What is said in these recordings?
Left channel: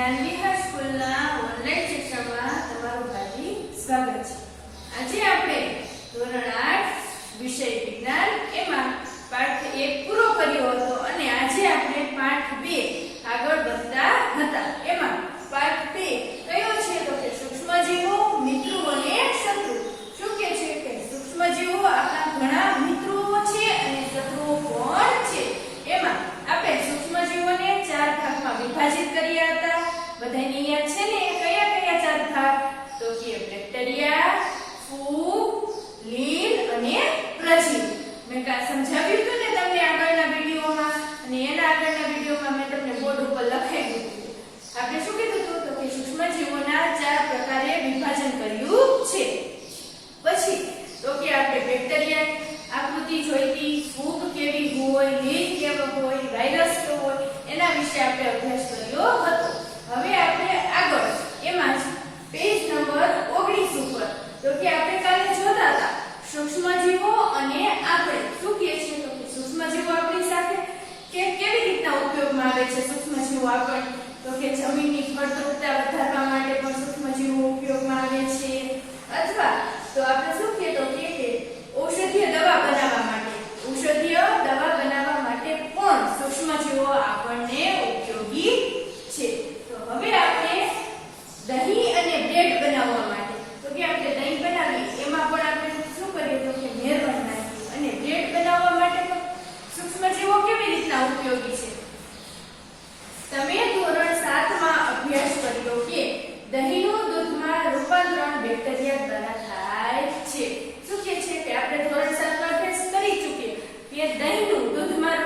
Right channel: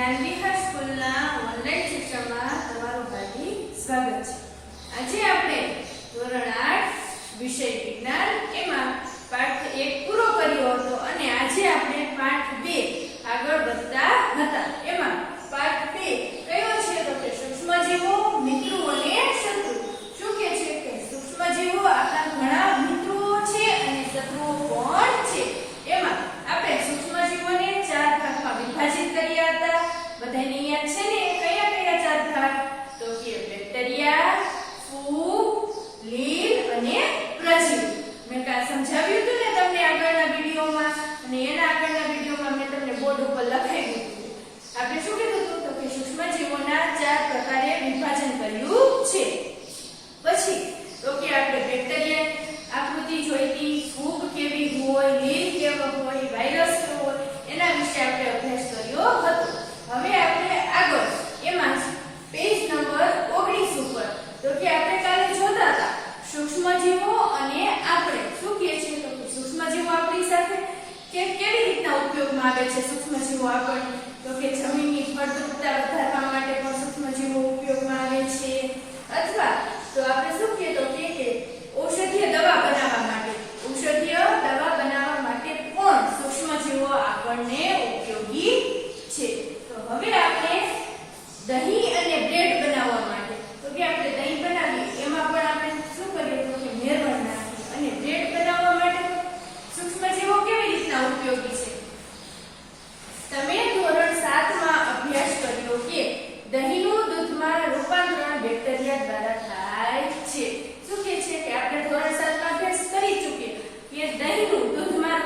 જ્ઞાનવિહાર સ્કૂલના ઓનલાઈન શિક્ષણમાં તમારું હાર્દિક સ્વાગત છે। આજે આપણે ધોરણ 8 વિષય વિજ્ઞાન એમાં પાઠ 1 પૂરો કર્યો હતો અને આજે આપણે પાઠ 2 આગળ વધતા હતા। એમાં પાઠ 2 કયો છે તો કે સૂક્ષ્મજીવો, મિત્રો અને શત્રુ। શું કે છે કે સૂક્ષ્મજીવો આપણા ઘણા મિત્રો છે અને શત્રુઓ પણ છે। એમાં આપણે સૂક્ષ્મજીવોને 4 ભાગમાં વિભાજિત કર્યા હતા। બધાને યાદ છે ને કયા કયા 4 ભાગ તો કે બેક્ટેરિયા, ફૂગ, લીલ અને પ્રજીવ। મેં કા સમજાવ્યું હતું ને તમને આગળના વિડિયોમાં અને એના આગળના વિડિયોમાં મેં તમને બોર્ડ ઉપર લખાવ્યું હતું। આપણે શું કીધું હતું તો કે સૂક્ષ્મજીવોના 4 પ્રકારે વિભાજન કર્યું છે। પછી તો કે આપણે બેક્ટેરિયાની આકૃતિ જોઈતી, ફૂગ કેવી હોય, લીલ કેવો હોય, વાયરસ કેવો હોય એના વિશે આપણે અભ્યાસ કર્યો હતો। હવે આપણે આગળ એમાં પેજ નંબર 19 ઉપર તો કે આપણે કાલે જોતા હતા સૂક્ષ્મજીવો અને આપણે શું કહે છે તો કે સૂક્ષ્મજીવો આપણી સાથે કેવી રીતના ઉપયોગમાં આવે છે। સૂક્ષ્મજીવો આપણને તો કે જમીનની ફળદ્રુપતા વધારવા માટે પણ સૂક્ષ્મજીવો ઉપયોગમાં આવે છે, અથવા તો આપણે શું કહે તો કે ઔષધીય દવા બનાવવા માટે પણ સૂક્ષ્મજીવો આપણને ઉપયોગી છે। તો હવે આપણે દહીં અને બ્રેડ બનાવવા માટે તો કે આપણે દહીં બનાવીએ એમાં પણ આપણે શું કરીએ તો કે મેળવણ નાખીએ અને બ્રેડ બનાવવા માટે તો સૂક્ષ્મજીવો કેવી રીતના ઉપયોગી છે। તમે ધોરણ 7 માં અભ્યાસ કર્યો કે દહીંનું દૂધમાં રૂપાંતરણ બેક્ટેરિયા દ્વારા થાય છે। શું કહે છે કે આપણે ધોરણ 7 માં અભ્યાસ કરી ચૂક્યા કે દહીંનું દૂધમાં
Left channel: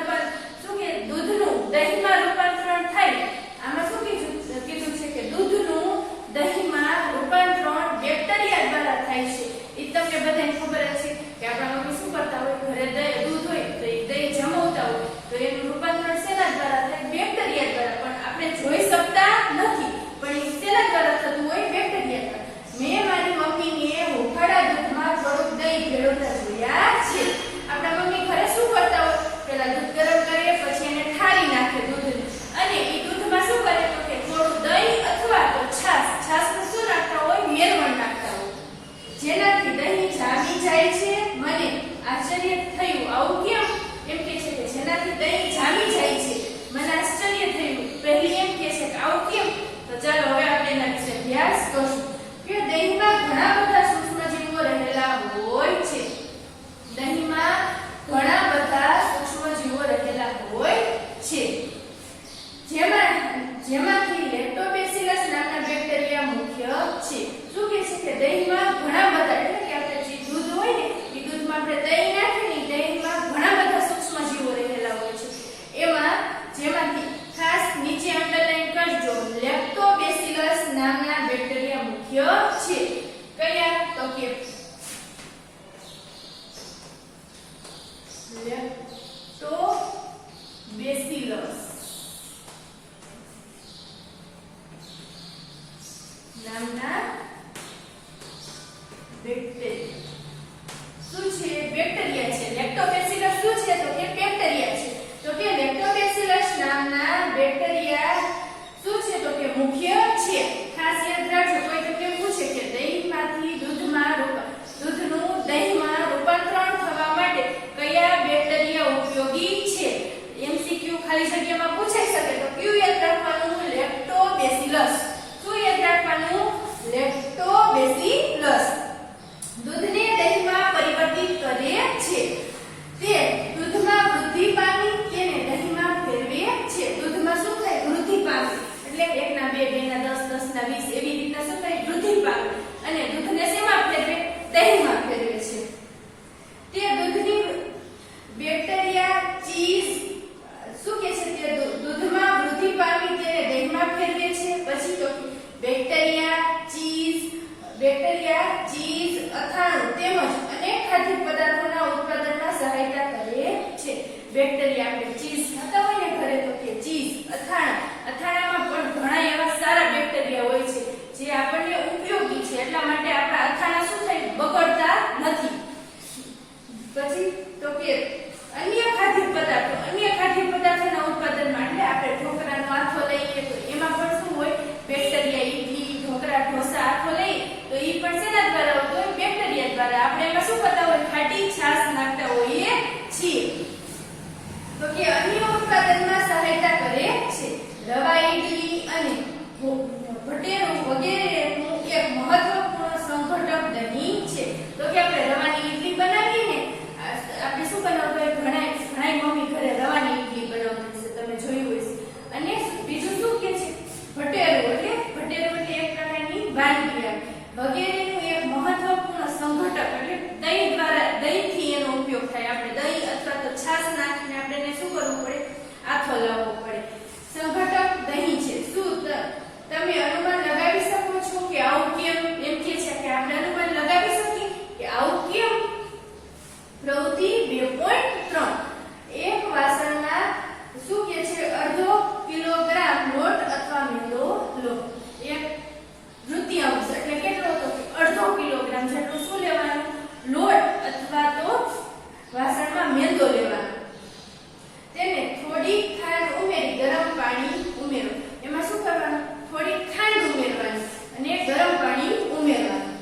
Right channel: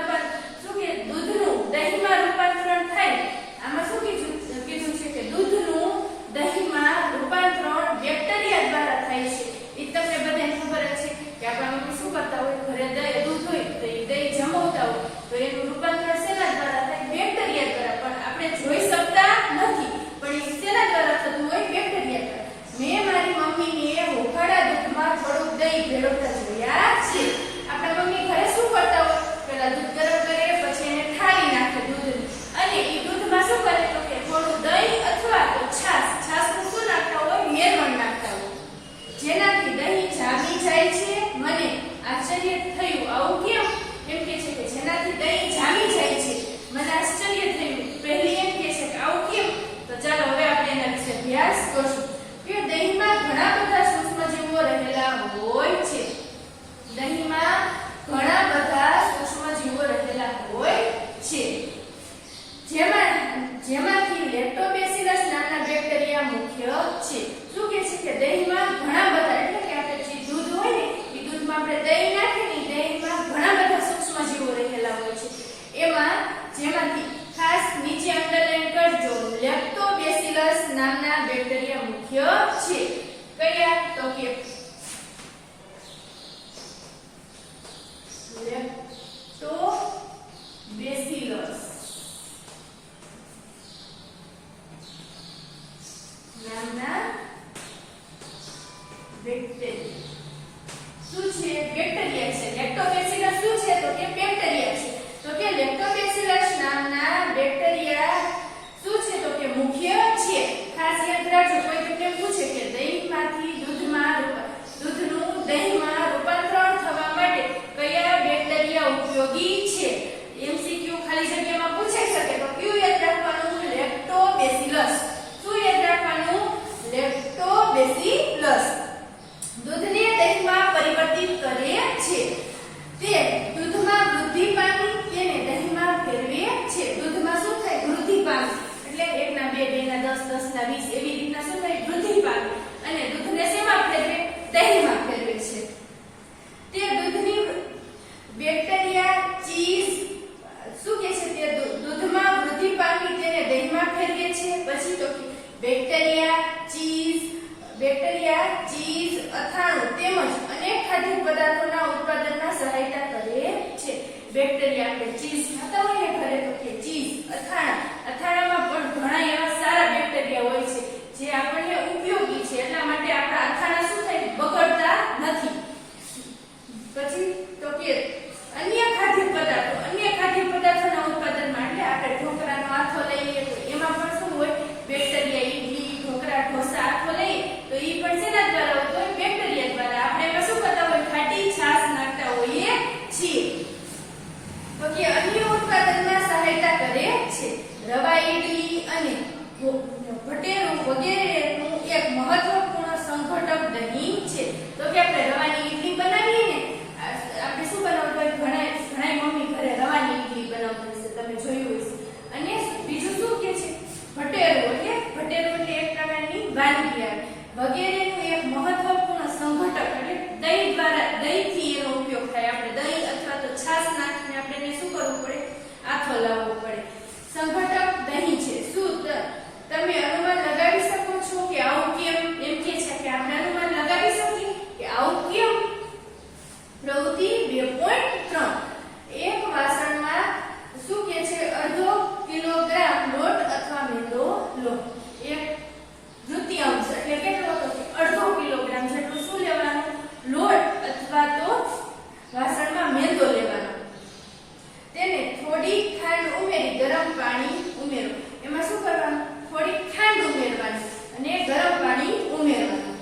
દહીંમાં રૂપાંતરણ થાય। આમાં શું કીધું છે કે દૂધનું દહીંમાં રૂપાંતરણ બેક્ટેરિયા દ્વારા થાય છે। એ તમને બધાને ખબર જ છે કે આપણા મમ્મી શું કરતા હોય, ઘરે દૂધ હોય તો એ દહીં જમાવતા હોય તો એનું રૂપાંતરણ શેના દ્વારા થાય, બેક્ટેરિયા દ્વારા। પણ આપણે જોઈ શકતા નથી પણ એ શેના દ્વારા થતું હોય, બેક્ટેરિયા દ્વારા। મેં મારી મમ્મીને ઉકાળા દૂધમાં થોડુંક દહીં ભેળવતા જોયા છે। આપણા મમ્મી ઘરે શું કરતા હોય, પહેલા દૂધ ગરમ કરે પછી એને ઠારી નાખે દૂધને અને એ દૂધમાં શું કરે તો કે થોડું દહીં અથવા તો છાશનું શું નાખતા હોય, મેળવણ નાખતા હોય, જેનાથી દહીં જામી જાય છે। મને આશ્ચર્ય થયું, આવું કેમ? એમ કે છે કે જેનાથી દહીં જામી જાય છે, મને આશ્ચર્ય થયું। પહેલી એમ કે છે કે આવું કેમ? તો ચાલો હવે આપણે એના વિશે અભ્યાસ કરીશું કે દહીંમાં ઘણા બધા સૂક્ષ્મજીવો રહેલા હોય છે। દહીંમાં ઘણા બધા સૂક્ષ્મજીવો રહેલા હોય છે, જેમાંથી લેક્ટોબેસિલસ નામના બેક્ટેરિયા મુખ્ય છે। શું કહે છે કે દહીંમાં ઘણા બધા એટલે કે આપણે જે દૂધ હોય ને એ દૂધમાં આપણે દહીં નાખીએ ને દહીંમાં ઘણા બધા સૂક્ષ્મજીવો રહેલા હોય છે। જેમાંથી ખાસ નીચે અંડરલાઈન કરજો, લેક્ટોબેસિલસ નામના બેક્ટેરિયા મુખ્ય છે। કયા તો કે લેક્ટોબેસિલસ નામના બેક્ટેરિયા શું છે, બેક્ટેરિયા છે। લેક્ટોબેસિલસ શું છે તો કે બેક્ટેરિયા છે। તો કે લેક્ટોબેસિલસ નામના બેક્ટેરિયા શું છે તો કે મુખ્ય છે। ખાસ યાદ રાખજો, કોઈ તમને પૂછે કે દહીંનું દહીંમાં રૂપાંતરણ થવા માટે કયા બેક્ટેરિયા ઉપયોગી છે, એમસીક્યુ ખાલી જગ્યામાં પૂછાઈ શકે તો કયું યાદ રાખવાનું, લેક્ટોબેસિલસ। શું યાદ રાખવાનું, લેક્ટોબેસિલસ દૂધને દહીંમાં પરિવર્તિત કરે છે। તે દૂધમાં વૃદ્ધિ પામી તેને દહીંમાં ફેરવે છે। દૂધમાં શું થાય, વૃદ્ધિ પામે એટલે 1 ના 2, 2 ના 10, 10 ના 20 એવી રીતના શું થાય, વૃદ્ધિ પામે અને દૂધને શેમાં ફેરવે, દહીંમાં ફેરવે છે। તે દૂધની બેક્ટેરિયા, ચીઝ શું કે છે તે દૂધમાં વૃદ્ધિ પામી તેને દહીંમાં ફેરવે છે। પછી તો બેક્ટેરિયા, ચીઝ, અથાણું તેમજ અનેક ખાદ્ય પદાર્થોના ઉત્પાદનમાં સહાયતા કરે છે। બેક્ટેરિયા આપણે ચીઝ ખાતા હોય ને ઘરે તો કે ચીઝ, અથાણામાં પણ ઘણા એવા સારા બેક્ટેરિયા હોય છે જે આપણને ઉપયોગી છે, એટલા માટે આપણા અથાણા શું થાય, બગડતા નથી। પછી તો કે અન્ય ખાદ્ય પદાર્થોના ઉત્પાદનમાં એટલે આપણે ઢોકળાનો આથો લઈએ તો એમાં પણ શું હોય, શેના દ્વારા આવતો હોય? બેક્ટેરિયા દ્વારા. આપણે એમાં શું કરતા હોય? ખાટી છાશ નાખતા હોઈએ છીએ. તો કે અન્ય ઉત્પાદનમાં સહાયતા કરે છે. રવા ઇડલી અને ભટેરું વગેરેનું એક મહત્વપૂર્ણ સંઘટક દહીં છે. તો કે આપણે રવાની ઇડલી બનાવીએ ને, આપણે શું બનાવતા હોય? ઘણા મમ્મી ઘરે રવાની ઇડલી બનાવતી છે, તમે જોયું હશે. અને બીજું શું કે છે? ભટેરું એટલે એક પ્રકારની વાનગી આવે. વગેરેનું એક મહત્વપૂર્ણ સંઘટક એટલે દહીં દ્વારા, દહીંથી એનો ઉપયોગ થાય. આપણે દહીં અથવા તો છાશ નાખીને આપણે એને શું કરવું પડે? આથો લાવવો પડે. સંઘટક દહીં છે. શું તમે અનુમાન લગાવી શકો છો કે આવું કેમ? એમ કે છે કે આપણે અનુમાન લગાવી શકીએ કે આવું કેમ? પ્રવૃત્તિ 2.3 એક વાસણમાં શું કે છે? અડધો કિલોગ્રામ લોટ અથવા મેંદો લો. એક તૃતીયાંશ એટલે કેટલો હતો? અડધો કિલોગ્રામ જેટલું શું લેવાનું? લોટ અથવા તો વાસણમાં મેંદો લેવાનો. તેને થોડી ખાંડ ઉમેરી ગરમ પાણી ઉમેરો. એમાં શું કરવાનું? થોડી ખાંડ ઉમેરવાની અને ગરમ પાણી ઉમેરવાનું.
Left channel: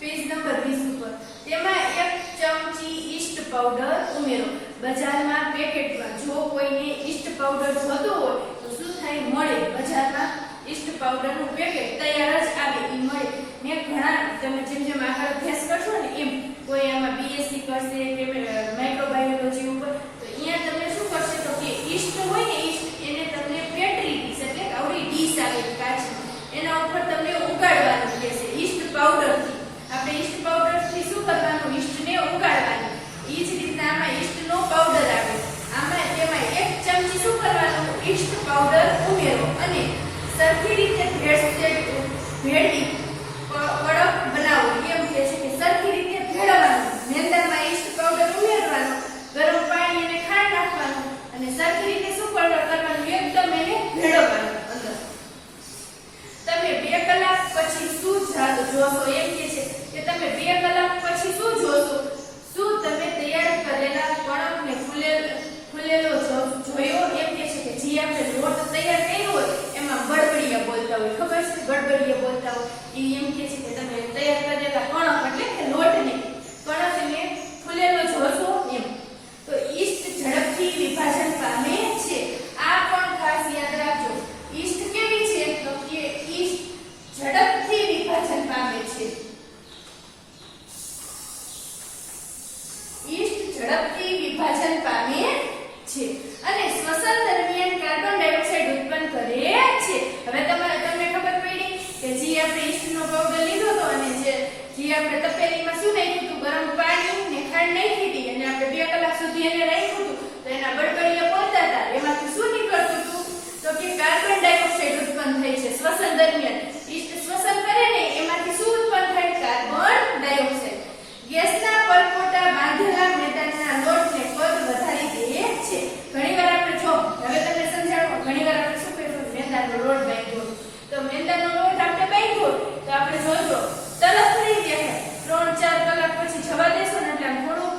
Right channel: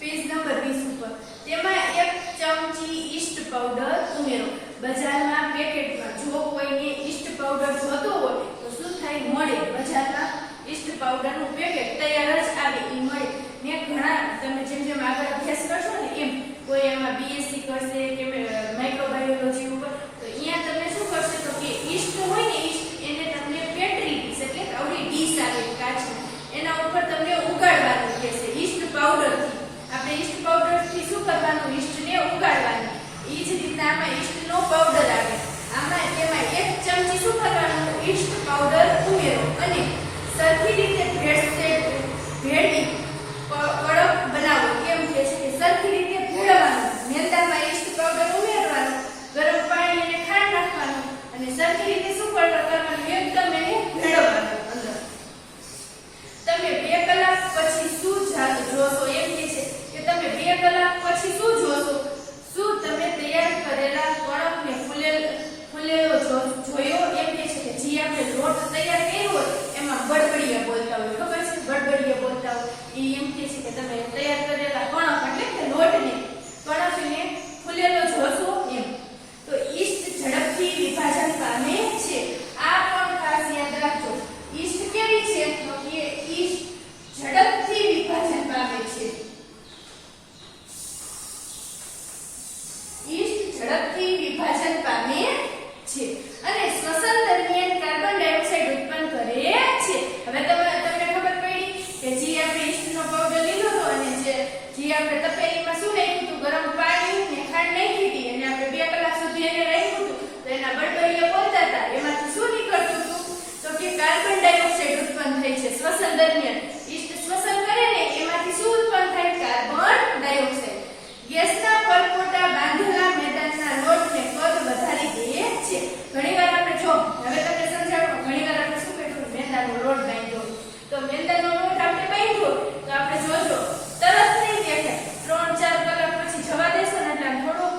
પેજ નંબર 20 ઉપર તેમાં 1 ચમચી ઈસ્ટ પાવડર ઉમેરો. બજારમાં પેકેટમાં જો કોઈને ઈસ્ટ પાવડર જોતો હોય તો શું થાય? મળે. બજારમાં ઈસ્ટ પાવડરનું પેકેટ તૈયાર જ આવે, એ મળે. ને ઘણા તમે જેમ આગળ અભ્યાસ કરશો ને એમ કોઈ આમાં બીએસસી કરશે કે માઇક્રોબાયોલોજી ઉપર, તો અહીંયા તમે શું કરશો? તો કે ઈસ્ટ હોય ને, ઈસ્ટ એને તમને પેટ્રી ડીશ એટલે આવડી ડીશ આવે કાચની, એના ઉપર તમને ઉગાડવાનું કહેશે ઈસ્ટ પાવડરથી. આપણે ઈસ્ટ પાવડરથી શું કરવાનું? ઈસ્ટને ઉગાડવાની. એ જ રીતના આમાં ઈસ્ટનો પાવડર આવે. આમાં તેમાં 1 ચમચી શું કરવાનું? ઈસ્ટ પાવડર ઉમેરો અને સરખી રીતે ભેળવી કડક બનાવો. કેમ કે છે કે સરખી રીતે ભેળવવાનું. મેંદામાં ઈસ્ટ પાવડર ઉમેરવાનો, ગરમ પાણી અને ખાંડ નાખવાનું અને સરખી રીતે શું કરવાનું? એકદમ એને ભેળવવાનું અંદર. તમે 2 કલાક પછી શું જોશો? એમ કે છે કે તમે 2 કલાક પછી શું જોશો? શું તમે તૈયાર કરેલા કડક ને ફૂલેલો જોયો? એમ કે છે કે જે આપણે લોટ તૈયાર કર્યો હોય એમાં બડબડિયા બોલતા હોય. ખબર છે? બડબડિયા બોલતા હોય. એ એમ કે છે કે તમે તૈયાર કરેલા કણક એટલે કે લોટને કણકને ફૂલેલો જોશો એમ. તો ઈસ્ટ ઝડપથી વિભાજન પામે છે. આ પણ ખાસ યાદ રાખજો. ઈસ્ટ કેવી છે? તો કે ઈસ્ટ ઝડપથી વિભાજન પામે છે. ઈસ્ટ ઝડપથી વિભાજન પામે છે અને શ્વસન દરમિયાન કાર્બન ડાયોક્સાઇડ ઉત્પન્ન કરે છે. હવે તમને ખબર પડી કે જે આપણે ઈસ્ટનો પાવડર લીધો હતો અને જે આપણે તપેલીમાં શું નાખ્યું હતું? ગરમ પાણી ને ખાંડ નાખી હતી અને આપણે 2 કલાક સુધી એને રાખ્યું હતું, તો એના બડબડિયા બોલતા હતા. એમાંથી શું નીકળતું હતું? તો કે કાર્બન ડાયોક્સાઇડ ઉત્પન્ન થાય છે શ્વસન દરમિયાન. ઈસ્ટ શ્વસન કરે ને એમાંથી શું ઉત્પન્ન થાય? Carbon dioxide. ગેસના પરપોટા બાંધેલા મેદાનના લોટને કદ વધારી દે છે. ઘણીવાર આપણે જો હવે તમને સમજાવો, ઘણીવાર આપણે શું કર્યું? મેંદાનો લોટ બાંધ્યો. તો મેંદાનો લોટ આપણે બાંધ્યો તો આપણે જોજો તરત નહીં દેખાય. 3-4 કલાક પછી જવા દેશો ને એટલે થોડોક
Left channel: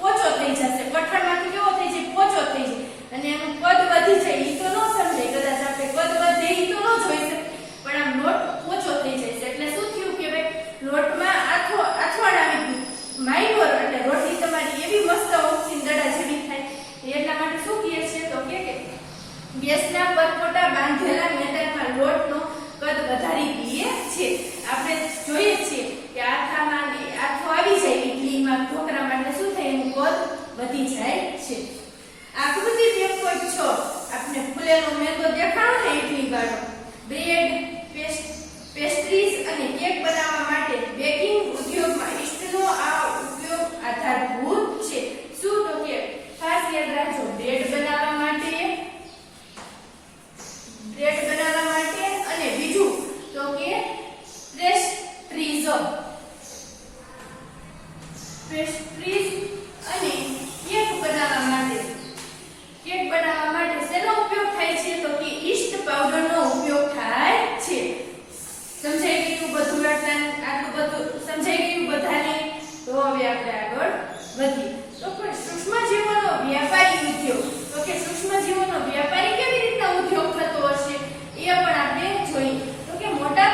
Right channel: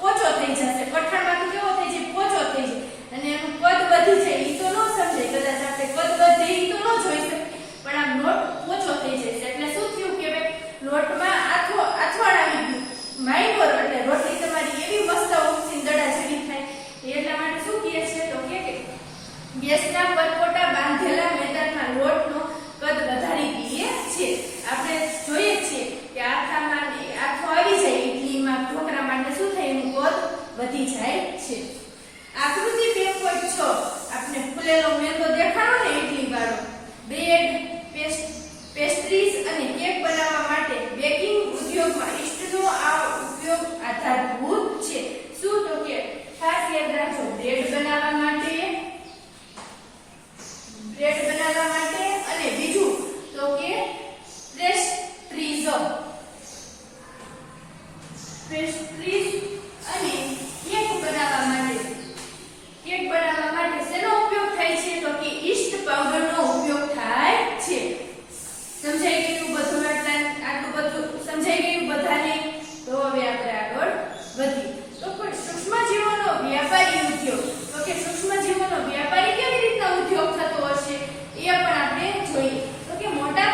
પોચો થઈ જશે. પઠાણમાંથી કેવો થઈ જાય? પોચો થઈ જાય અને એનું કદ વધી જાય. ઈ તો ન સમજાય. કદાચ આપણે કદ વધે ઈ તો ન જોઈ શકે, પણ આમ લોટ પોચો થઈ જાય છે. એટલે શું થયું કે ભાઈ લોટમાં આથવાણ આવી ગયું. માઇનોર એટલે રોટલી તમારી એવી મસ્ત ઓક્સીન દડા જેવી થાય. એટલા માટે શું કહે છે? તો કે ગેસના પરપોટા બાંધેલા મેદાનમાં લોટનો કદ વધારી દે છે. આપણે જોઈએ છીએ કે આથો આવી જાય ઇડલીમાં, ઢોકળામાં, એટલે શું થાય? એનું કદ વધી જાય છે. આકૃતિ 2.6 આપણે ફૂલેલો મેંદો દેખાડો ને ઇડલી વાળો. બ્રેડ, પેસ્ટ્રીઝ અને કેક બનાવવા માટે બેકિંગ ઉદ્યોગમાં ઈસ્ટનો આ ઉપયોગ આધારભૂત છે. શું? તો કે ખાસ યાદ રાખજો, બ્રેડ બનાવવા માટે અને બીજું તો કે પેસ્ટ્રીઝ અને કેક બનાવવા માટે શેનો ઉપયોગ થાય છે? તો કે ઈસ્ટ પાવડરનો ઉપયોગ થાય છે. સમજાઈ ગયું બધું? આટલું બધું સમજાઈ ગયું બધાને? તો હવે આપણે આગળ વધીએ. તો પણ સૂક્ષ્મજીવોનો વ્યાપારી ઉદ્યોગ. તો કે સૂક્ષ્મજીવોનો વ્યાપારી કેવી રીતના ઉદ્યોગ થતો હશે એ પણ આપણે જોઈએ. તો કે મોટા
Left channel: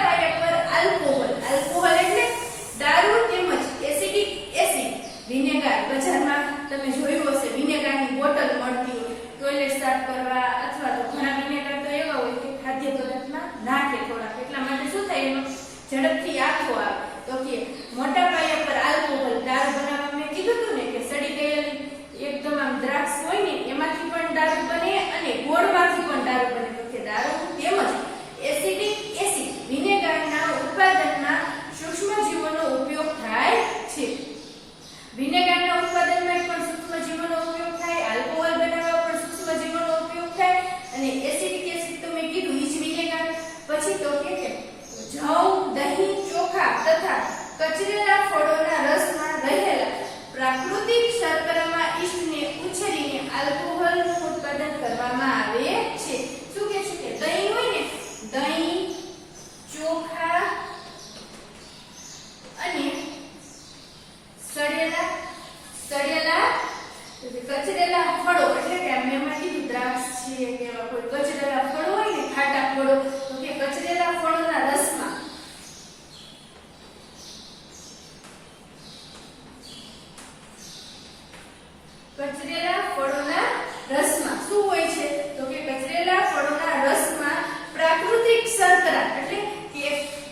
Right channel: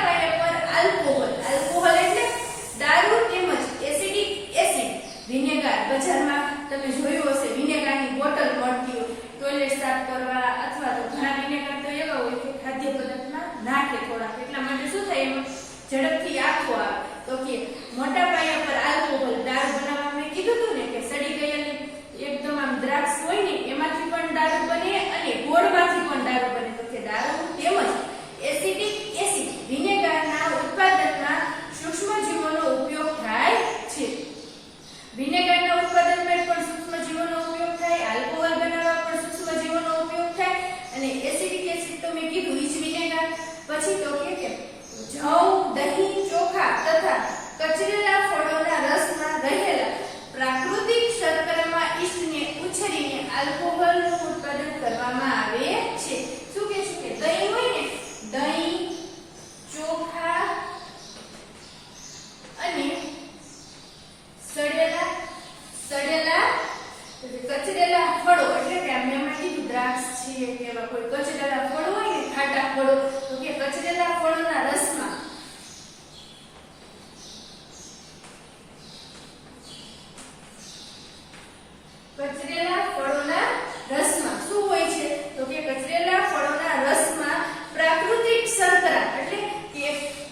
આલ્કોહોલ. આલ્કોહોલ એટલે દારૂ તેમજ એસિડિક એસિડ. વિનેગાર, બજારમાં તમે જોયું હશે વિનેગારની બોટલ મળતી હોય ટોયલેટ સાફ કરવા, અથવા તો ઘણા વિનેગાર તો એવા હોય કે ખાદ્ય પદાર્થમાં નાખે થોડાક, એટલા માટે શું થાય એમાં ઝડપથી આખો આવે. તો કે મોટા પાયા પર આલ્કોહોલ દારૂ બનાવવા મેં કીધું હતું ને કે સડી ગયેલી એકદમ આમ દ્રાક્ષ હોય ને એમાંથી પણ દારૂ બને અને ગોળમાંથી પણ દારૂ બને. તો કે દારૂ તેમજ એસિડિક એસિડ વિનેગારના ઉત્પાદનમાં સૂક્ષ્મજીવોનો ઉપયોગ થાય છે. વિનેગારના ઉત્પાદનમાં પણ સૂક્ષ્મજીવોનો ઉપયોગ થાય, આલ્કોહોલ બનાવવા પણ સૂક્ષ્મજીવોનો ઉપયોગ થાય અને એસિડિક એસિડ તો મેં કીધું ઈ જ વિનેગાર. પછી તો કે જવ, દહીં, ચોખા તથા કચરેલા ફળોના રસમાં રહેલા પ્રાકૃતિક શર્કરામાં ઈસ્ટને ઉછેરીને આલ્કોહોલનું ઉત્પાદન કરવામાં આવે છે. શું કે છે કે દહીં હોય ને, દહીં, ચોખા અને કચરેલા ફળો એટલે કે મેં કીધું દ્રાક્ષ છે કે એવા કોઈ કચરેલા ફળો હોય ને, ખાટા ફળો, તો કે કચરેલા ફળોના રસમાં શું હોય છે? તો કે કચરેલા ફળોના રસમાં પ્રાકૃતિક શર્કરા એટલે કે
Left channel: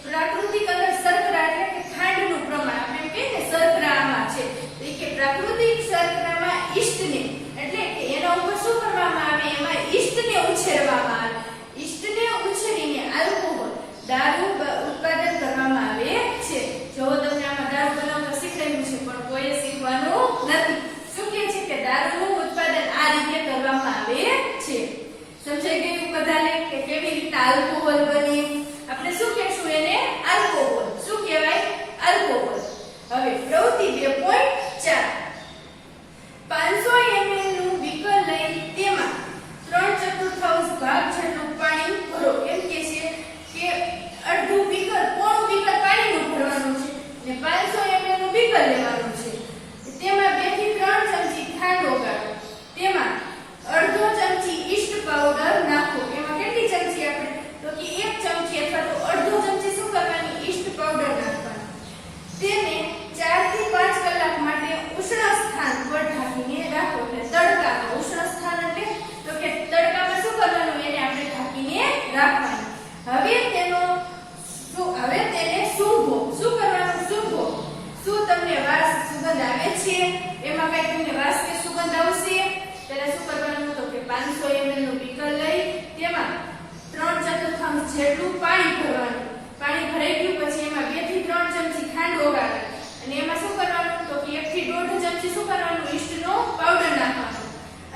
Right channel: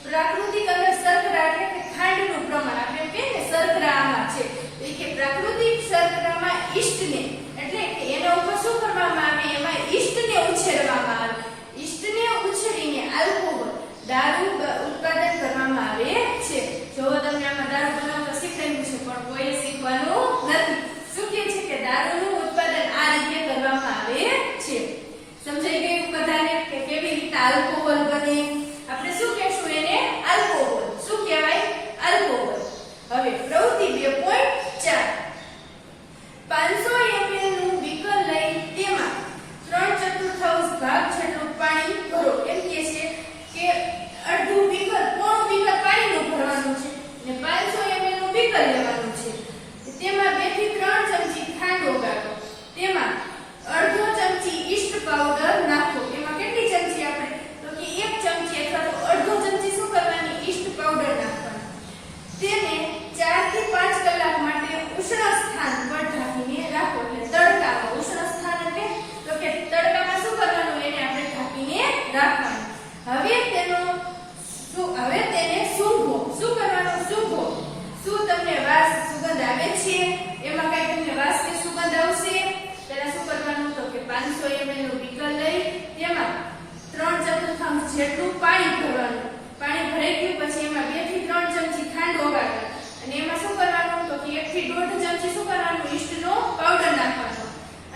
પ્રાકૃતિક અંદર શર્કરા એટલે કે ખાંડનું પ્રમાણ, આપણે એમ કહીએ ને શર્કરા આમાં છે, તો કે પ્રાકૃતિક શર્કરામાં ઈસ્ટને એટલે કે એના ઉપર શું કરવામાં આવે, એમાં ઈસ્ટને ઉછેરવામાં આવે. ઈસ્ટને ઉછેરીને આલ્કોહોલ દારૂ ઉત્પાદન કરવામાં આવે છે. જો તમને આમાં દારૂ બનાવતા શીખવાડ્યું છે પણ કોઈએ શીખવાનું નથી. શું કહે છે કે દારૂનું ઉત્પાદન આ રીતે કરવામાં આવે છે. સમજાઈ ગયું બધાને કે કેવી રીતે આલ્કોહોલ બને? આપણે શું કહેશું એને? આલ્કોહોલ. શું કહેવાય? આલ્કોહોલ. હવે પ્રવૃત્તિ 2.4 500 ml નું બીકર લઈ તેમાં 3/4 ભાગ જેટલું પાણી ભરો. એમ કે છે કે અડધું બીકર, પોણું બીકર પાણીનું ભરવાનું છે અને 500 ml નું બીકર લેવાનું છે. તેમાં 2 થી 3 ચમચી ખાંડ ઓગાળો. તેમાં અડધો ચમચી ઈસ્ટ પાવડર નાખો. એમાં કેટલી ચમચી આપણે? તો કે 1 ચમચી અથવા તો અડધો ચમચી શું કરવાની? ઈસ્ટ પાવડર નાખવાની. તેને 4 થી 5 કલાક માટે ઉષ્ણ સ્થાન પર ઢાંકીને રાખો. એટલે તડકામાં, ઉષ્ણ સ્થાન એટલે તો કે તડકામાં શું કરવાનું? એને આપણે ઢાંકીને રાખવાનું. હવે તેને સૂંઘો. શું કરવાનું? સૂંઘો. શું તમને વાસ સુગંધ આવે છે? એમાં કઈ તમને વાસ કે સુગંધ આવશે? પહેલા શું કરવાનું? તો કે 500 ml નું બીકર લઈ તેમાં 3/4 જેટલું પાણી ભરવાનું. પાણી ભરાઈ ગયું પછી એમાં 2 થી 3 ચમચી ખાંડ ઓગાળવાની અને એમાં શું કરવાનું? તો કે 1 થી 1.5 ચમચી શું કરવાનું? ઈસ્ટનો પાવડર નાખવાનો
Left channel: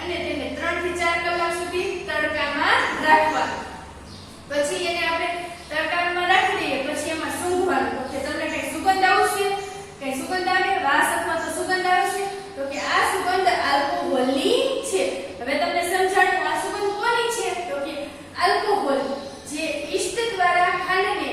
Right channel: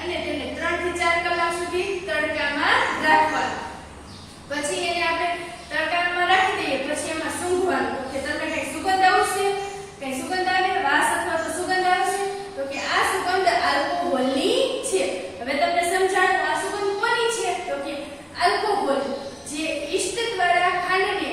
અને તેને 3 થી 4 કલાક સુધી તડકામાં રાખવાનું. પછી એને આપણે તડકામાં રાખી દઈએ પછી એમાં સૂંઘવાનું. તો કે તમને કઈ સુગંધ આવશે? કઈ સુગંધ આવે? વાસ અથવા તો સુગંધ આવશે? તો કે આ સુગંધ આલ્કોહોલની છે. હવે તમને સમજાણું આ સુગંધ કોની છે? તો કે આલ્કોહોલ જે ઈસ્ટ દ્વારા ખાંડને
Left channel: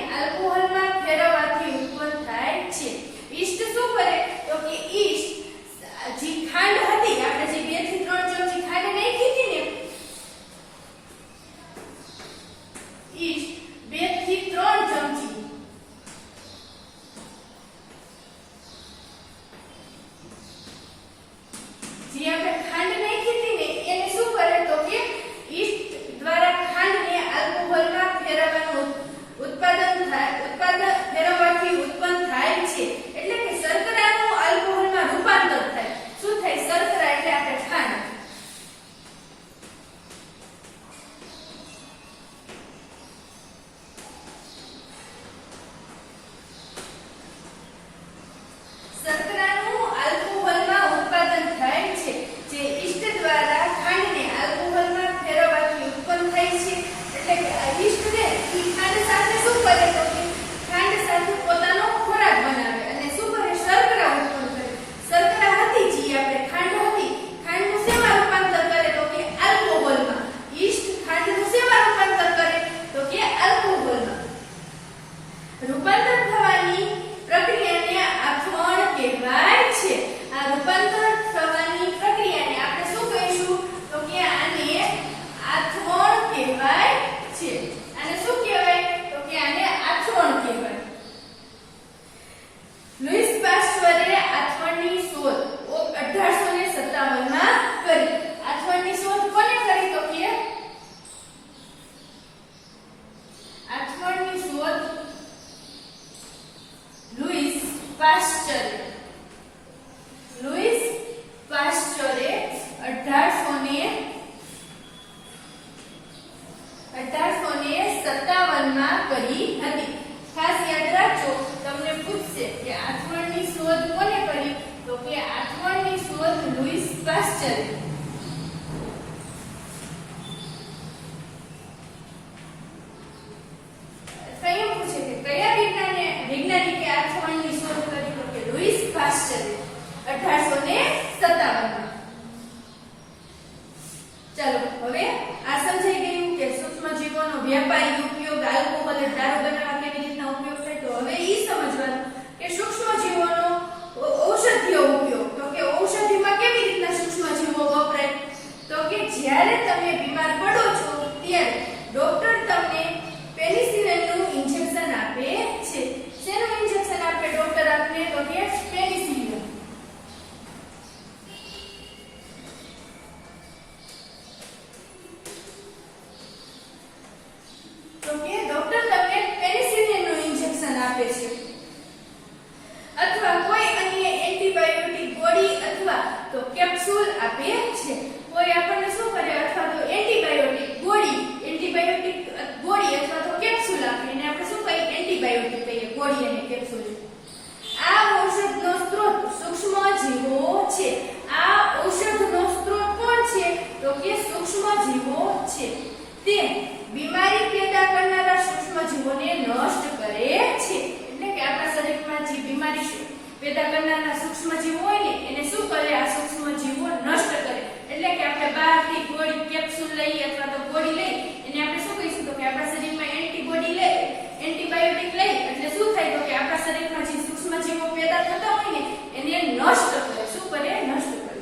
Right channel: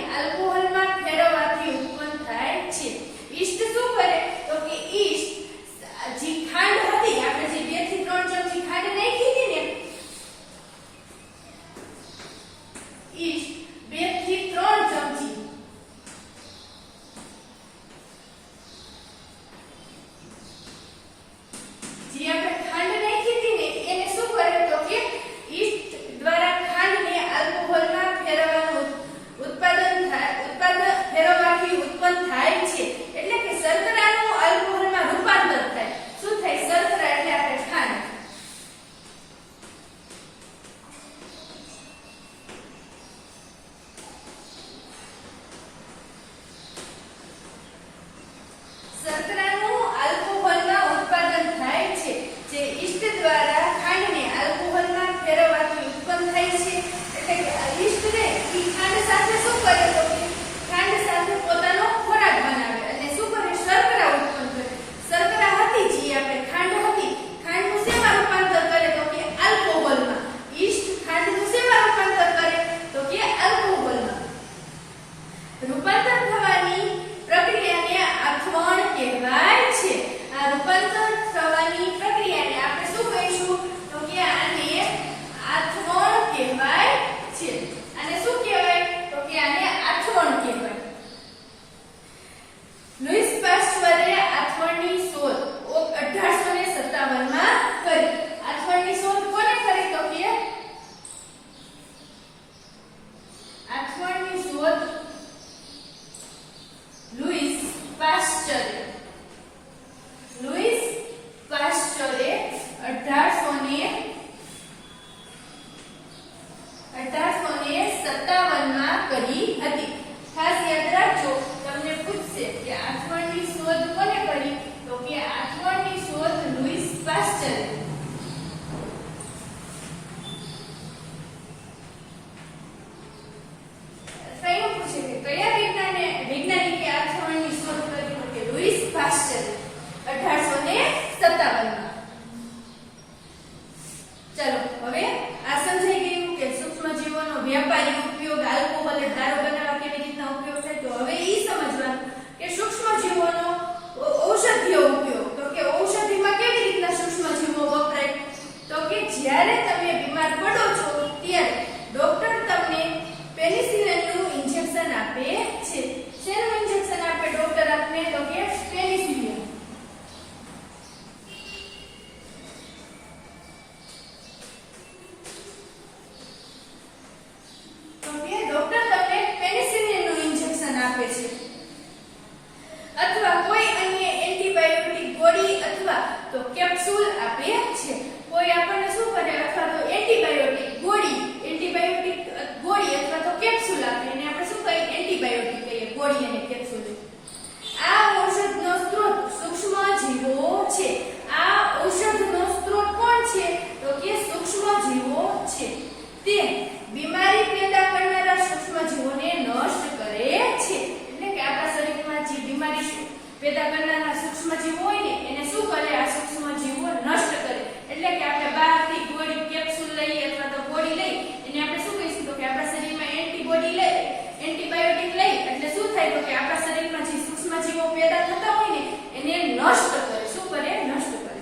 પેદા કરનારા સૂક્ષ્મજીવો હોય ને એને શું કરે, આ સૂક્ષ્મજીવો નષ્ટ કરે. એટલે કે આપણે બહારથી ગોળી કેપ્સ્યુલ લઈએ અથવા તો ગોળી લઈ એને આપણે શું કહીશું તો કે આપણા શરીરમાં એન્ટીબોડી લઈ એન્ટીબાયોટિક લઈ એટલે શું થાય તો કે આપણા શરીરમાં જે સૂક્ષ્મજીવો પેદા થતા હોય ને એને નષ્ટ કરે. શું કરે? નષ્ટ કરે.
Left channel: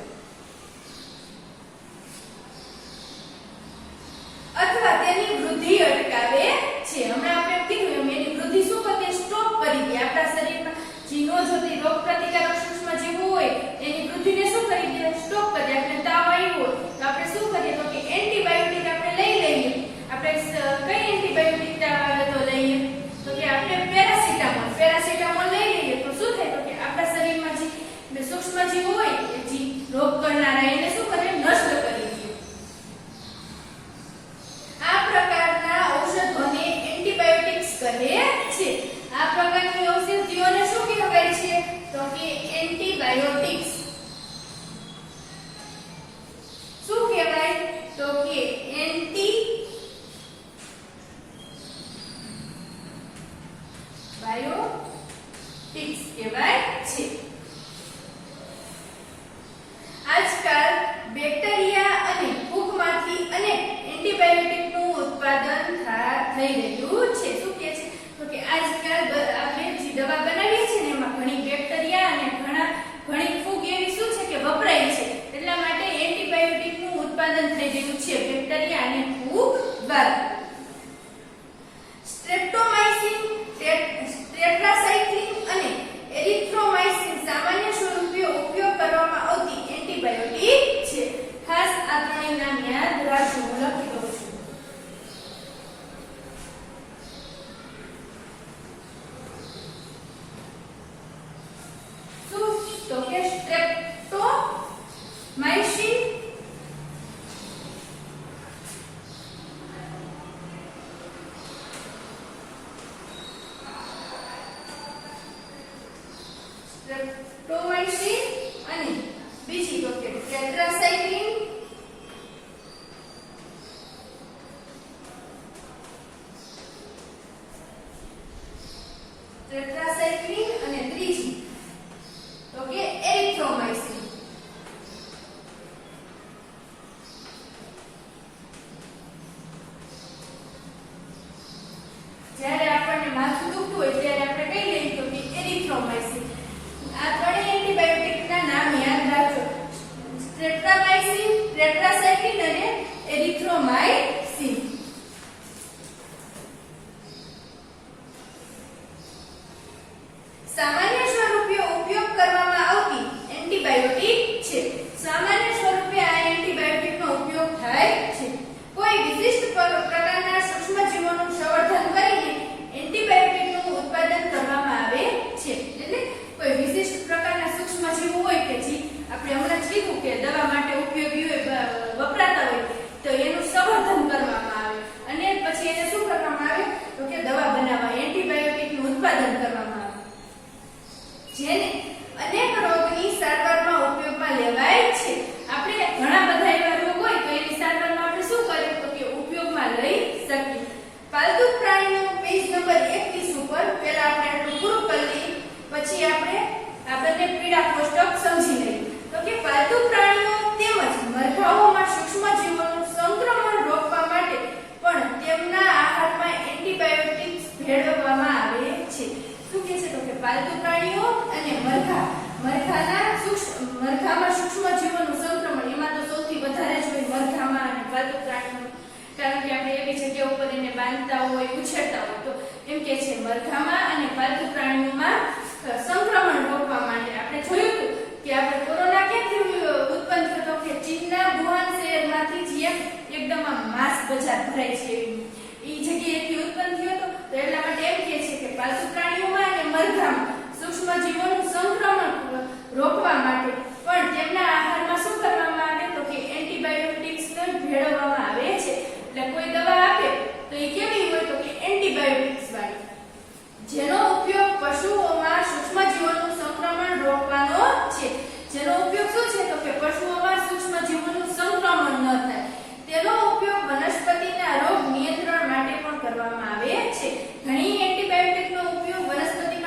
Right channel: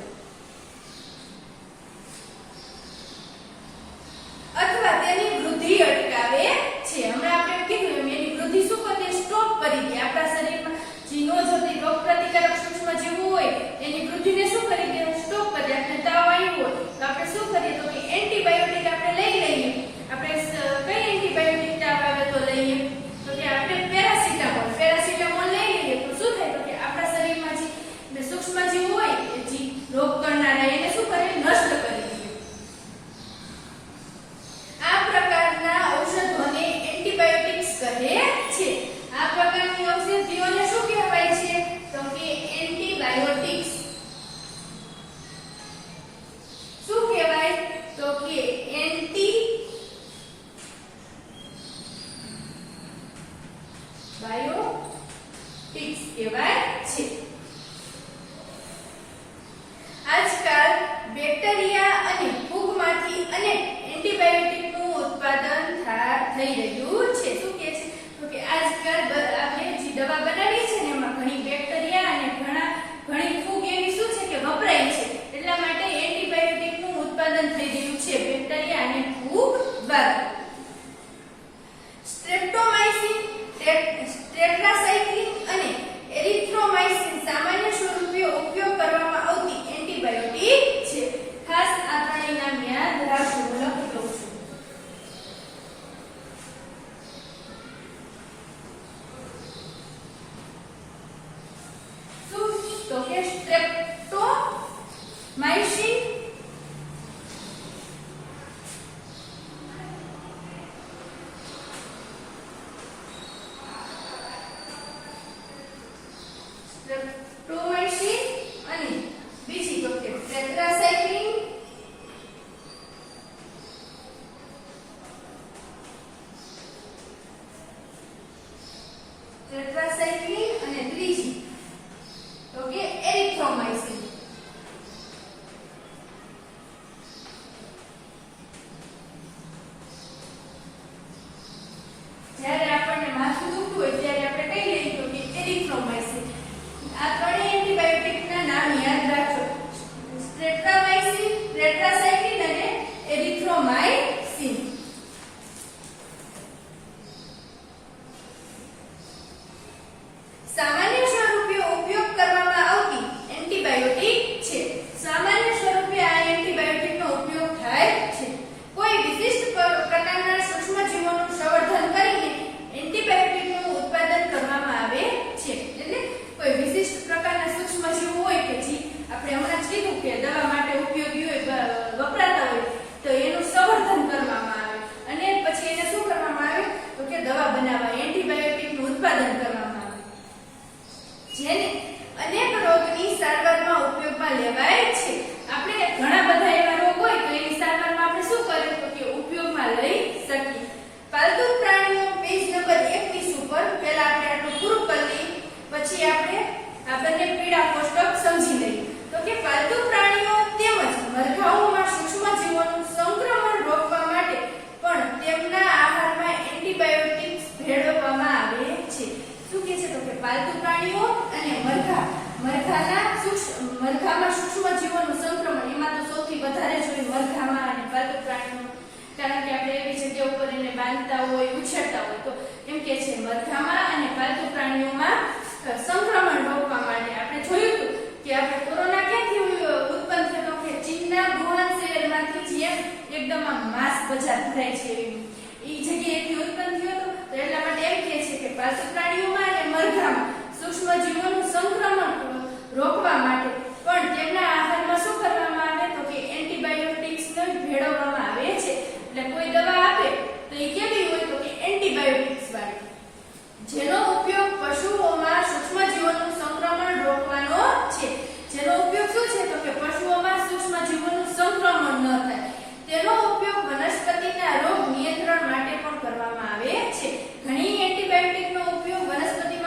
અથવા તેની વૃદ્ધિ અટકાવે છે. હમણાં આપણે કીધું એમ એની વૃદ્ધિ શું કરે? સ્ટોપ કરી દે. આપણા શરીરમાં જે ન જોતી રોગ પ્રતિકારક સૂક્ષ્મજીવો હોય એની વૃદ્ધિને શું કરી દે? સ્ટોપ કરી દે. આપણે તાવ આવ્યો હોય તો આપણે શું કરીએ તો કે એન્ટીબાયોટિક આપણે લઈ લઈએ. આપણે કઈ એન્ટીબાયોટિક તાવ આવે તો લઈએ તો કે આપણે પેરાસિટામોલ લઈ લઈએ તો શું થાય તો કે આપણા શરીરમાં જે સૂક્ષ્મજીવો હોય જે રોગ કરનારા એને શું કરે? નષ્ટ કરી દે. આ પ્રકારના ઔષધોને એન્ટીબાયોટિક્સ કહે છે. આ પ્રકારની ઔષધિઓને શું કહેવાય છે તો કે એન્ટીબાયોટિક્સ. શું કહેવાય તો કે એન્ટીબાયોટિક્સ કહેવાય છે. આજકાલ બેક્ટેરિયા અને ફૂગમાંથી અનેક એન્ટીબાયોટિકનું ઉત્પાદન થઈ રહ્યું છે. શું કહે છે તો કે આજકાલ આપણે જે દવા બનાવીએ છીએ ને એમાં ઘણી બેક્ટેરિયા અને ઘણી ફૂગ એવી શું છે કે વપરાય છે. એટલા માટે એન્ટીબાયોટિકનું ઉત્પાદન થઈ રહ્યું છે બેક્ટેરિયા અને ફૂગ દ્વારા. સ્ટ્રેપ્ટોમાઇસિન, ટેટ્રાસાઇક્લિન અને એરિથ્રોમાઇસિન સામાન્ય સ્વરૂપે ઉપયોગ કરવામાં આવતી એન્ટીબાયોટિક છે. ખાસ આ ત્રણેયના નામ યાદ રાખજો. હું લખી દઉં છું. તો કે સ્ટ્રેપ્ટોમાઇસિન, અને બીજી તો કે ટેટ્રાસાઇક્લિન, અને ત્રીજી તો કે એરિથ્રોમાઇસિન. જ્યારે આપણને માથું દુખતું હોય ત્યારે આપણે કઈ લઈએ તો કે એરિથ્રોમાઇસિન. આ ત્રણેય એન્ટીબાયોટિકના નામ યાદ રાખજો. સ્ટ્રેપ્ટોમાઇસિન, ટેટ્રાસાઇક્લિન અને એરિથ્રોમાઇસિન. સામાન્ય સ્વરૂપે ઉપયોગ કરવામાં આવતી એન્ટીબાયોટિક છે. સામાન્ય સ્વરૂપે આ એન્ટીબાયોટિકનો ઉપયોગ થાય છે. કોઈ વિશિષ્ટ પ્રકારના સૂક્ષ્મજીવોનું સંવર્ધન કરીને એન્ટીબાયોટિકનું ઉત્પાદન કરવામાં આવે છે. એટલે કોઈ વિશિષ્ટ પ્રકારના સૂક્ષ્મજીવો હોય કે જે આપણે હમણાં જ કીધું કે દવા માટે ઉપયોગી હોય વપરાતા હોય તો એનું સંવર્ધન કરવામાં આવે અને પછી એને શું કરવામાં આવે તો કે દવા બનાવવા એન્ટીબાયોટિકનું ઉત્પાદન કરવામાં આવે. જેને અનેક રોગની સારવારમાં ઉપયોગમાં લેવાય છે. આપણે ઘણા બધા એવા રોગ હોય તો એની સારવારમાં આપણે શું કરીએ તો કે ઉપયોગમાં લઈ શકીએ. પાલતુ પ્રાણીઓ પેજ નંબર 21 ઉપર પહેલા આપણે આટલું પૂરું કરી લઈએ પછી આપણે આ બંને પીળા કોષ્ટક સમજી લઈએ. તો કે પાલતુ પ્રાણીઓ તેમજ મરઘાઓમાં સૂક્ષ્મજીવોનું સંક્રમણ રોકવા માટે પણ તેમના આહારમાં એન્ટીબાયોટિક્સ ભેળવવામાં આવે છે. શું કહે છે તો કે પાલતુ પ્રાણીઓ અને મરઘામાં સૂક્ષ્મજીવોનું સંક્રમણ એમાં તો સૌથી વધારે જ હોય મરઘામાં અને પાલતુ પ્રાણીઓમાં. કારણ કે આપણે એવી જગ્યા ઉપર એને બાંધતા હોય ઉછેરતા હોય તો એમ કે છે મરઘામાં અને પાલતુ પ્રાણીઓમાં સંક્રમણ રોકવા માટે. આપણે જોયું હતું કે આપણે કોરોના ક્યાંથી ઉત્પન્ન થતો કે ચીનના વુહાન શહેરમાંથી જ્યાં એકદમ આ માસ બજાર ભરાય છે એ જગ્યાએથી ઉત્પન્ન થયો હતો. તો એટલા માટે એમ કહે છે કે પાલતુ પ્રાણીઓમાં અને મરઘામાં સૂક્ષ્મજીવોનું સંક્રમણ રોકવા માટે પણ તેમના આહારમાં શું કરવામાં આવે તો કે એન્ટીબાયોટિક્સને ભેળવવામાં આવે છે. એટલે કોઈ દવા આપે તો એ કેવી હોય તો કે એન્ટીબાયોટિક્સ વાળી, જેનો ઉપયોગ પશુઓમાં સૂક્ષ્મજીવોનું સંક્રમણ રોકવાનો છે. જેનો ઉપયોગ શું છે તો કે પશુઓમાં સૂક્ષ્મજીવોનું સંક્રમણ ન થાય તેનો ઉપયોગ વનસ્પતિના રોગ નિયંત્રણ માટે પણ કરવામાં આવે છે. ઘણી એન્ટીબાયોટિકનો ઉપયોગ વનસ્પતિ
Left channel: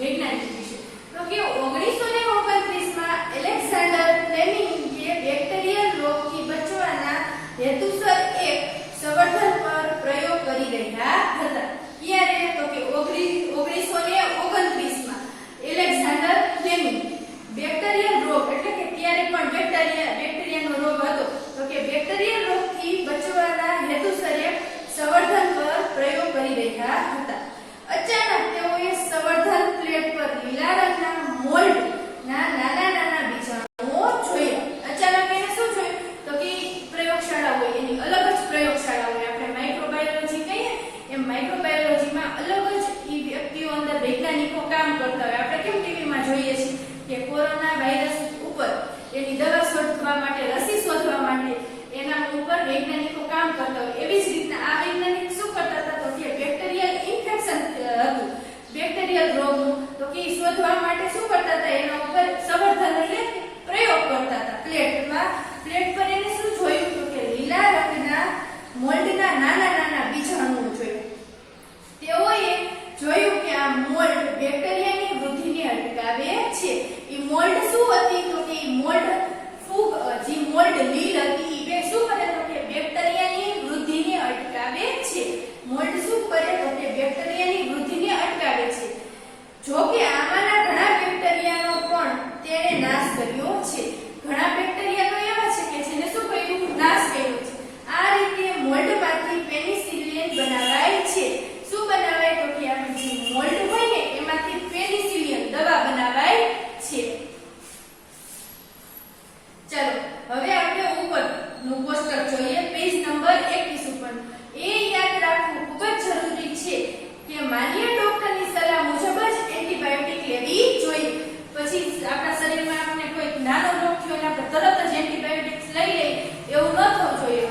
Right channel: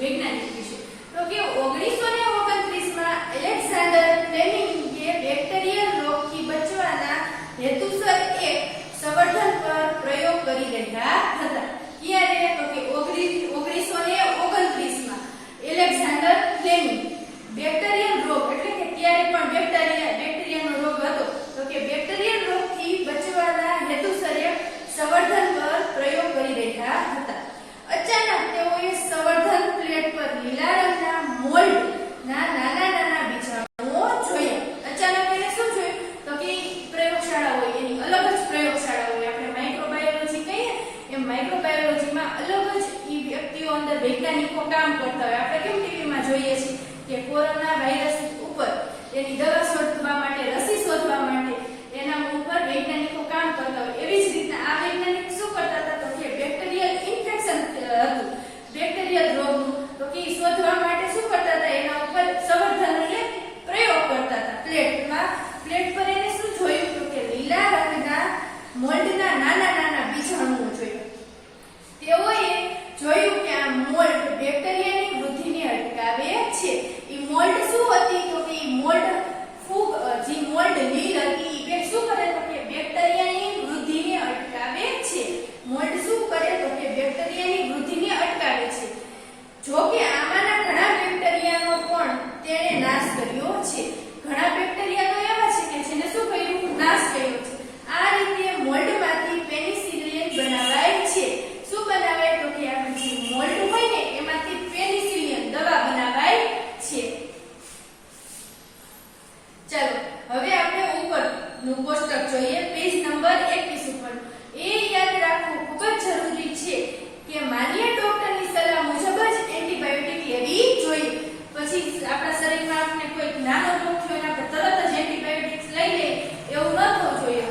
વૈજ્ઞાનિક વિશે. તો કે 1929માં એલેક્ઝાન્ડર ફ્લેમિંગે બેક્ટેરિયલ રોગથી બચવાના હેતુસર એક સંવર્ધન પર પ્રયોગ કરી રહ્યા હતા. ક્યારે? તો કે 1929માં એલેક્ઝાન્ડર ફ્લેમિંગ બેક્ટેરિયલ રોગ એટલે કે ત્યારે પણ બેક્ટેરિયાનો રોગ હતો. તો કે બેક્ટેરિયલ રોગથી બચવાના હેતુસર એક સંવર્ધન પર પ્રયોગ કરી રહ્યા હતા. અચાનક તેઓએ સંવર્ધન પ્લેટ પર લીલા રંગના મોલ્ડ ના નાના બીજાણુઓ જોયા. અચાનક એને શું જોયું? તો કે પ્રયોગશાળા હોય એની અલગ જ પ્રયોગશાળા હોય. આપણે માઇક્રોબાયોલોજી કહીએ એમ માઇક્રોબાયોલોજીમાં અલગ જ ઈ વ્યક્તિઓ અંદર વૈજ્ઞાનિકો કામ કરતા હોય. આપણે કેમ ટીવીમાં જોઈએ છીએ કે કોરોના વાયરસ ઉપર એની દવા શોધવા માટે, રસી શોધવા માટે એના ઉપર વૈજ્ઞાનિકો કામ કરતા હોય. એવી જ રીતના આ વૈજ્ઞાનિક શું કરતા હતા? તો કે બેક્ટેરિયલ ઇન્ફેક્શન હતું, બેક્ટેરિયલ રોગનું. તો કે શોધવા માટે શું કરતા હતા? એના ઉપર સંવર્ધન એટલે પ્રયોગ કરતા હતા. પ્લેટ પર એને શું જોયું? તો કે લીલા રંગના મોલ્ડના નાના બીજાણુઓ જોયા. તેઓએ જોયું કે આ મોલ્ડ બેક્ટેરિયાની વૃદ્ધિને અટકાવે છે. ઈ મોલ્ડ શું હતી? તો કે ઈ મોલ્ડ ફૂગ જે મોલ્ડ લીલ હતી એ શું કરે? તો કે બેક્ટેરિયાની વૃદ્ધિને અટકાવે છે. મોલ્ડ શું કરે? તો કે બેક્ટેરિયાની વૃદ્ધિને અટકાવે છે. જો કે આમાંના ઘણા બેક્ટેરિયાનો પણ તેણે નાશ કર્યો છે. ઘણા બેક્ટેરિયા તો એવા છે કે જેને શું કર્યું? નાશ કર્યો છે. આ રીતે મોલ્ડમાંથી પેનિસિલિન બનાવાય છે. શું બનાવાય? તો કે આપણે જે મોલ્ડ હોય ને એમાંથી પેનિસિલિન દવા બનાવાય છે. ચલો હવે આપણે ઉપરનું કોષ્ટક જોઈએ, પેજ નંબર 21 ઉપર. એ યાદ રાખવું ખૂબ જ જરૂરી છે કે માન્ય ડોક્ટરની સલાહ મુજબ જ એન્ટીબાયોટિક લેવી જોઈએ. પછી આપણા શરીરમાં આપણે કોઈ નાનો રોગ થયો અને આપણે તરત જ એન્ટીબાયોટિક્સ લઈ લઈએ એવું ન થવું જોઈએ.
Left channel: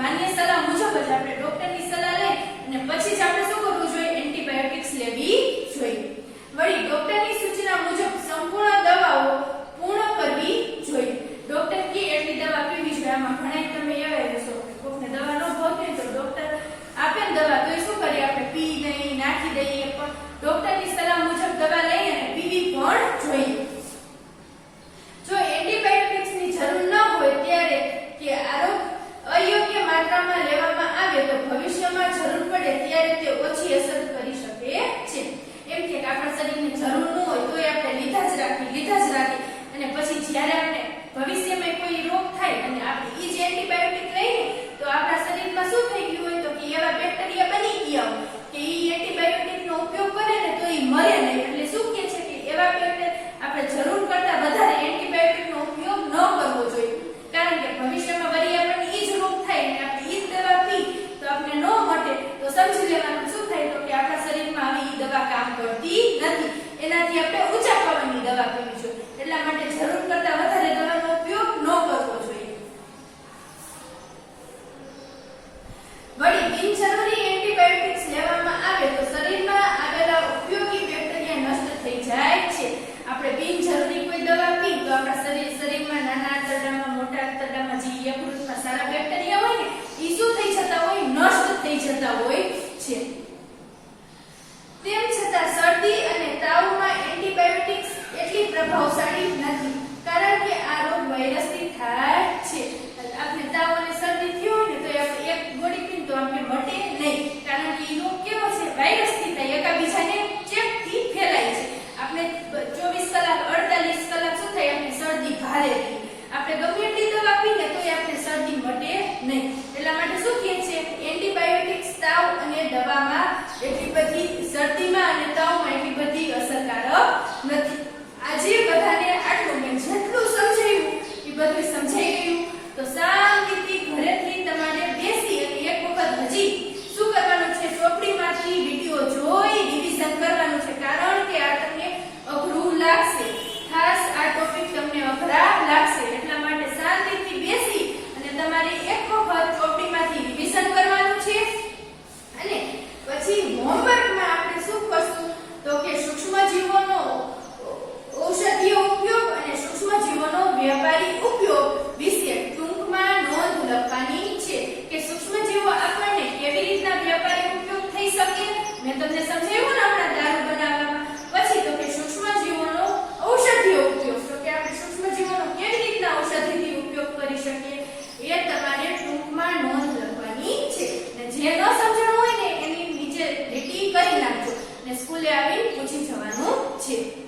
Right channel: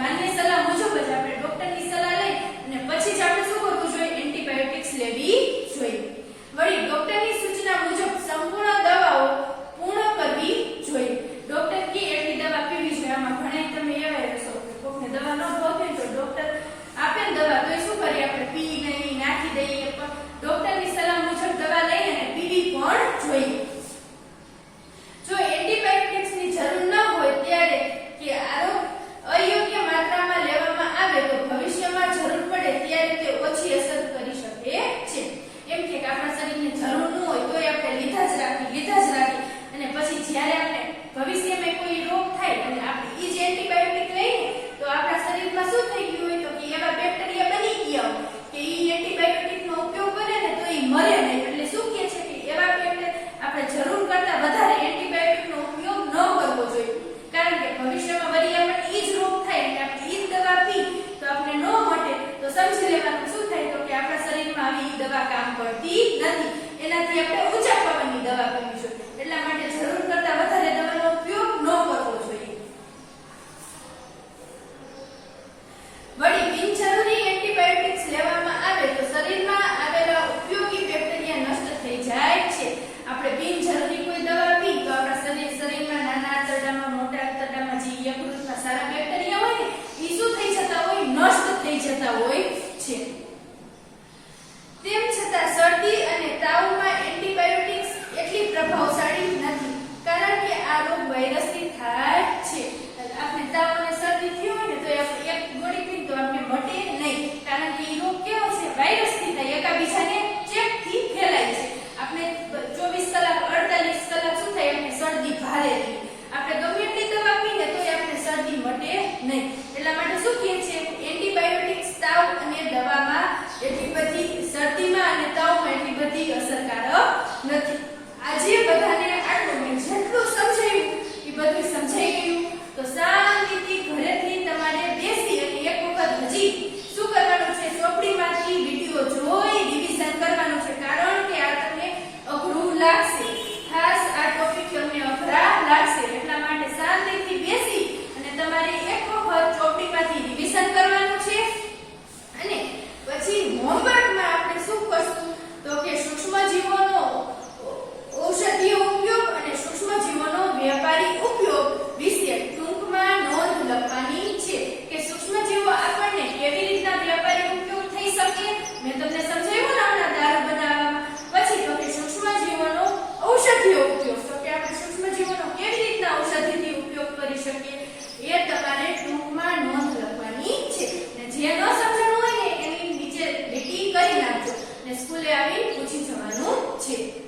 માન્ય સલાહ મુજબ જ આપણે ડોક્ટરની સલાહ લઈ અને પછી જ આપણે શું કરવું જોઈએ? એન્ટીબાયોટિક્સ લેવી જોઈએ. વળી ડોક્ટરની સૂચના મુજબ સંપૂર્ણ દવાઓ પૂર્ણ કરવી જોઈએ. ડોક્ટર કે એટલી દવા પીવી જોઈએ. આમાં ઘણા તમે એવા રહેશો કોઈને દવા ન ભાવતી તો ડોક્ટર આપે ને દવા તો એ શું કરીએ? આપણે પી નહીં, નાખી દઈએ. પણ ડોક્ટરની સલાહ મુજબ દવા લઈને પીવી પણ જોઈએ. જો એન્ટીબાયોટિક્સની જરૂર ન હોય ત્યારે કે અયોગ્ય માત્રામાં લેવામાં આવે તો ભવિષ્યમાં જરૂર પડે ત્યારે તે ઓછી અસર કરી શકે છે. એમ કે આપણા શરીરને જરૂર ન હોય તોય આપણે લીધા જ રાખી અને પછી જ્યારે આપણે ભવિષ્યમાં કોઈ રોગ થાય અને આપણે ઈ જ એન્ટીબાયોટિક લઈએ તો આપણા શરીરમાં શું થઈ ગયું હોય? તો કે એવા બેક્ટેરિયા બની ગયા હોય કે ઈ એન્ટીબાયોટિકનો ઉપયોગ કરે ને તો ઈ મરે નહીં. એટલે શું કહે છે કે એવા બેક્ટેરિયા આપણે જરૂર કરતા વધારે એન્ટીબાયોટિકનો ઉપયોગ ન કરવો જોઈએ. કારણ કે ભવિષ્યમાં વળી આપણને ઈ જ રોગ થાય અને આપણે ઈ જ દવા પી તો આપણે ન મટે તો સમજી લેવાનું શું થાય? તો કે આપણા શરીરમાં આવી ઈ દવા કામ કરતી નથી. એનાથી આપણે ઊંચા પાવાની દવા પીવી જોઈએ. એટલા માટે જરૂર કરતા વધારે દવાનો ઉપયોગ ન કરવો જોઈએ. વળી બિનજરૂરી એન્ટીબાયોટિક્સ લેવામાં આવે તો શરીરમાં આવેલા ઉપયોગી બેક્ટેરિયા નષ્ટ થઈ જાય છે. આપણે બિનજરૂરી કોઈ દવા પી તો આપણા શરીરમાં નાના આંતરડામાં, મોટા આંતરડામાં જે યકૃતમાં સારા બેક્ટેરિયા હોય ને એ શું થઈ જતા હોય? નષ્ટ થઈ જતા હોય છે. તેમ છતાં શરદી અને તાવમાં એન્ટીબાયોટિક્સ એટલી પ્રભાવશાળી નથી. કારણ કે આ રોગ વાયરસથી થાય છે. આપણે તાવ અને શરદી થયો હોય ને તો આપણે એક ગોળી પીને તો આપણે મટે નહીં. કારણ કે એ રોગ કેવો છે? વાયરસથી થાય, એકાબીજાને ચેપથી ફેલાય છે. આપણે 24 કલાક 48 કલાક શું થાય? આપણે શરદી ભારે રહી. આપણે ગમે એટલી દવા પીને તોય આપણે શરદી મટે નહીં. એટલા માટે શું કહે છે? એન્ટીબાયોટિક્સ તાવ અને દવામાં એટલી બધી, શરદીમાં અને તાવમાં એટલી બધી અસરકારક નથી. આજે બધાને આટલું મેં જેટલું સમજાવ્યું એ બધું સમજાઈ ગયું. તો શાંતિથી ઘરેથી તમારે બેસી અને એક વખત હજી શું કરવાનું છે? ચોપડીમાંથી વિડીયો જોઈ રિવિઝન કરવાનું છે. કારણ કે આ તમને અઘરું લાગશે. ખાસ આ ટોપિક તમને અઘરા લાગશે. એટલા માટે શાંતિથી બેસી અને તમારે એક વખત ચોપડીમાંથી રિવિઝન કરવાનું છે. અને પછી હોમવર્કમાં આપણે શું કરશું? તો કે સૂક્ષ્મજીવોનો ઔષધીય ઉપયોગ સ્કૂલે આવીને પૂછી જવાનું છે.